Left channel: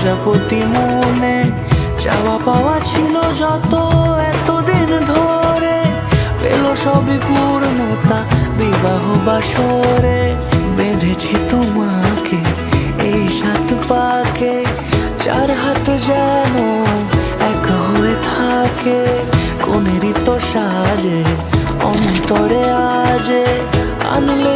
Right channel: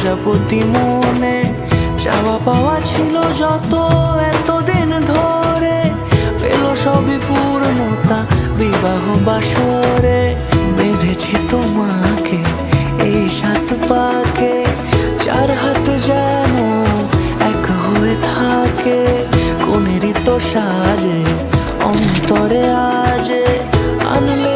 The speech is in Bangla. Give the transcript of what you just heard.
প্রজাপতি মনে চাওয়া পাওয়া ছিল যত এতদিন ধরে, পেল সবই পূর্ণতা বিবাহ বাসরে। বেঁধেছি তোমাকে এই 7 পাকে, 4 হাত যেন এক হয়ে থাকে। কোনেরই তো সাজে অন্তরে আজে আনলে